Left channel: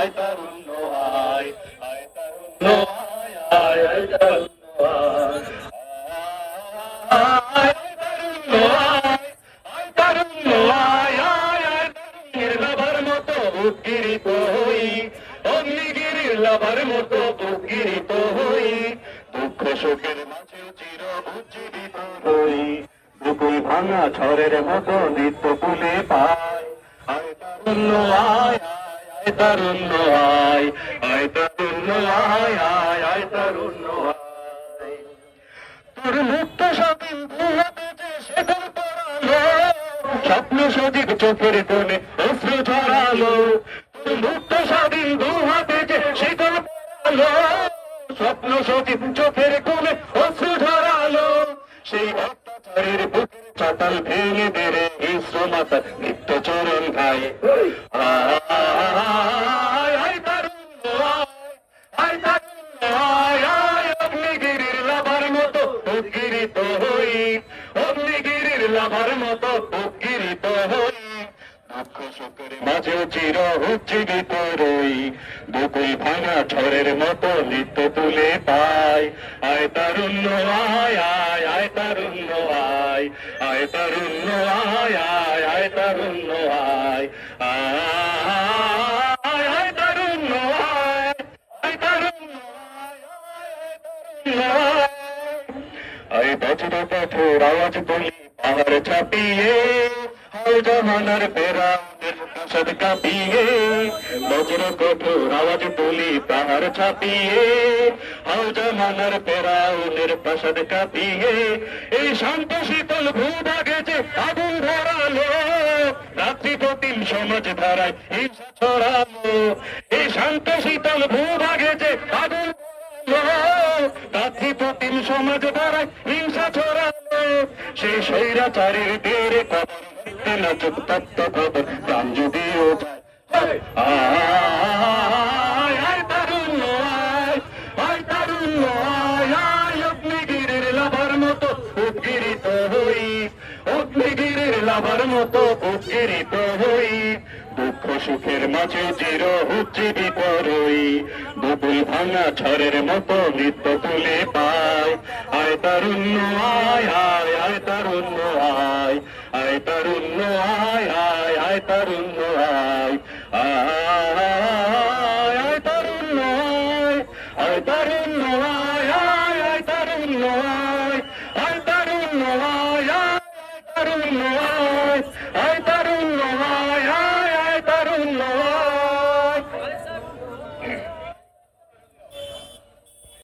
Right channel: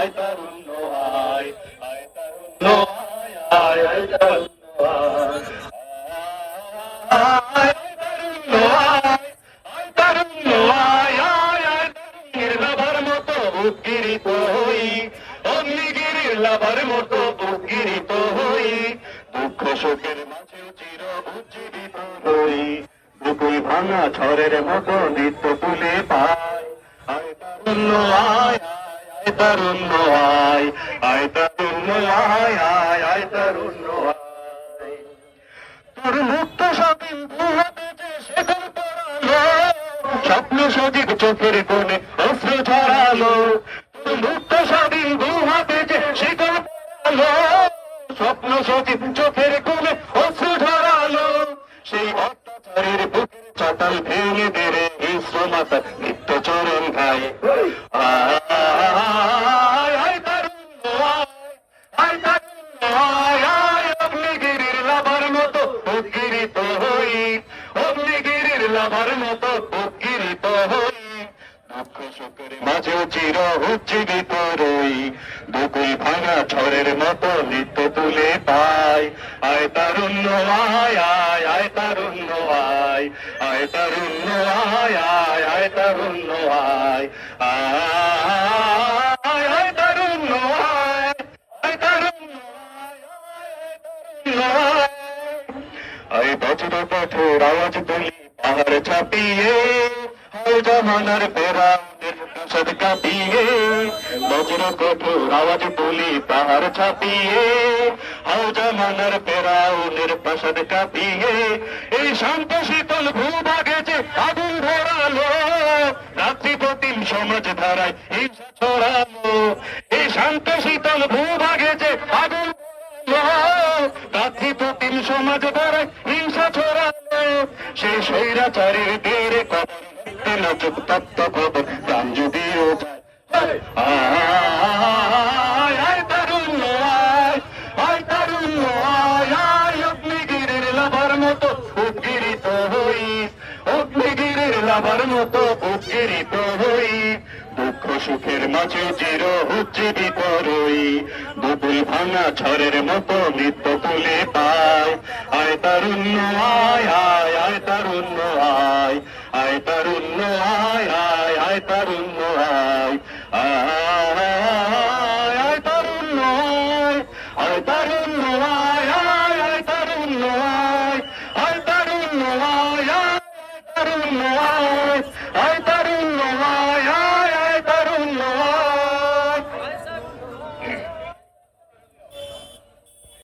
আয় তারুণ্য আয়, আয় তারুণ্য আয়, আয় তারুণ্য আয়, আয় তারুণ্য আয়, আয় তারুণ্য আয়, আয় আয় তারুণ্যের লাভার মতো উদ্গীরিত হই, অগ্নিগিরির লাভার মতো উদ্গীরিত হই, দুঃখ শোকের মাঝে চির উজ্জীবিত হই, বুকুল ভাঙা ঝড়ের মতো নিত্য তুলে পাই, আয় তারুণ্য আয়, আয় তারুণ্য আয়, আয় তারুণ্য আয়, আয় আয় তারুণ্য আয়, তোর মুক্ত স্বাধীন দুহাতে যে শেখর পড়ালো, স্বপ্ন সজীব চোখের কোণে অশ্রু ঝরালো, তোর মুক্ত স্বাধীন দুহাতে যে শেখর পড়ালো, স্বপ্ন সজীব চোখের কোণে অশ্রু ঝরালো, সেই অত্যাচারের বুকের চাতাল ভেঙে বেড়ে বিশ্বমাতা নিত্য চরণ গায়ে, আয় আয় তারুণ্য আয়, আয় তারুণ্য আয়, আয় অগ্নিগিরির লাভার মতো উদ্গীরিত হই, অগ্নিগিরির লাভার মতো উদ্গীরিত হই, দুঃখ শোকের মাঝেও চির উজ্জীবিত রই, দুকুল ভাঙা ঝড়ের মতো নিত্য তুলে পাই, আয় তারুণ্য আয়, আয় আয় তারুণ্য আয়, আয় তারুণ্য আয়, আয় আয় তারুণ্য আয়, আয় আয় তারুণ্য আয়, আয় তারুণ্য আয়, আয় আয়, আয় বজ্র পাথর আওয়াজ তুলি পাহাড় ছাপিয়ে, হাল জামানার পেরা সব কাঁপিয়ে, বজ্র কঠোর আওয়াজ তুলি পাহাড় ছাপিয়ে, হাল জামানার পেরা উটের প্রাসাদ কাঁপিয়ে, এই শান্ত শীতল ভূভাগে যে আগুন ধরালো, রাত্রি প্রতিম সমাজ ধারায় হিংসা ছড়ালো, এই শান্ত শীতল ভূভাগে যে আগুন রাত্রি প্রতিম সমাজ ধারায় হিংসা ছড়ালো, সেই স্বৈরাচারীর তীর নাচক তত্ত্ব খবর গান যদিও যায়, আয় আয় তারুণ্য আয়, আয় তারুণ্য আয়, আয় অগ্নিগিরির লাভার মতো উদ্গীরিত হই, অগ্নিগিরির লাভার মতো উদ্গীরিত হই, দুঃখ সুখের মাঝে চির উজ্জীবিত রই, দুপুল ভাঙা ঝড়ের মতো নিত্য তুলে পাই, আয় তারুণ্য আয়, আয় আয় তারুণ্য আয়, আয় তারুণ্য আয়, আয় আয় তারুণ্য আয়, আয় আয় তারুণ্য আয়, আয় তারুণ্য আয়, আয় আয় তারুণ্য আয়, আয় তারুণ্য আয়, আয় তারুণ্য আয়।